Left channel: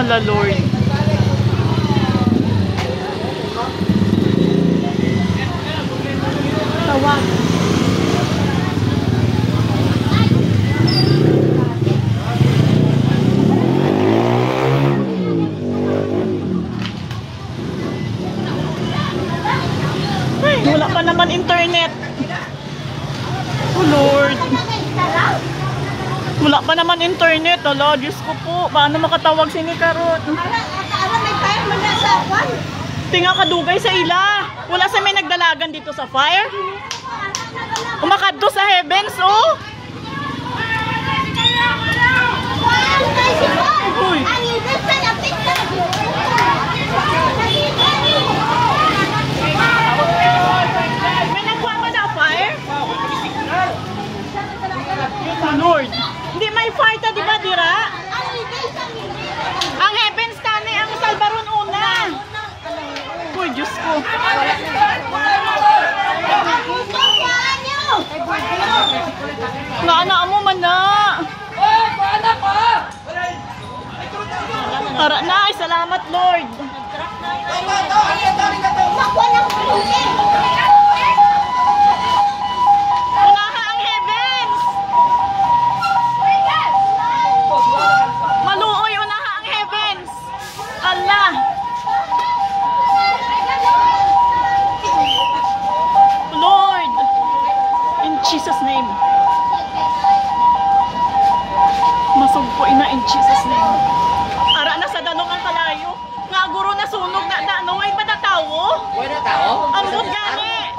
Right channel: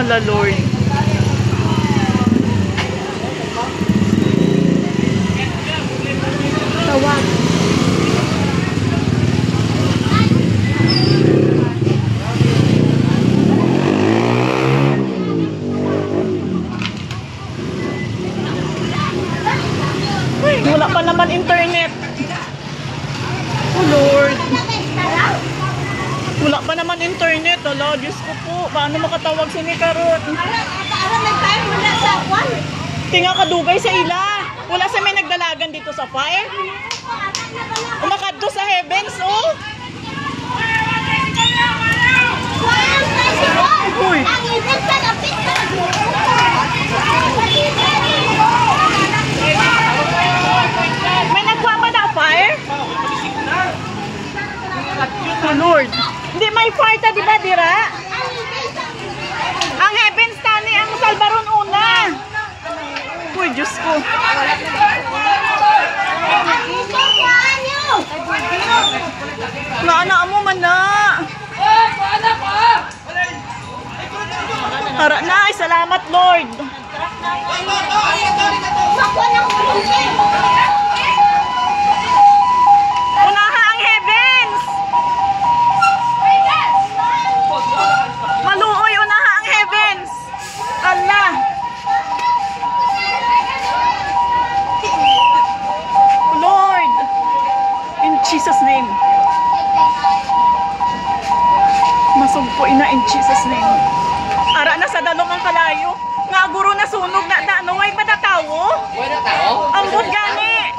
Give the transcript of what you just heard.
Hala Lord. Tawag. Wala pa naman internet. Oh Lord. Wala pa naman internet. Hala, Diyos ko po. Paano makatawag si ni Karot? Tinga kadugay sa ila. Wala sa may nagdalagan dito sa fire. Umakadto sa heavens, oh. Uy. May na-fire? Oh Lord. Hindi may fire ta, di ba, Dira? Ang heavens tani, ang Salbaron una. Uy, Diyos ko. Naana mo man na. Tara na, ay salamat Lord. Unaha ang heavens. Maluoy, unaha ang heavens. Allah. Lord, in Jesus name. Masugpo ina in Jesus name. Ara na sa dalong ang kalayo. Nga guro na sunog na ano ay patatawo. Ambot gani.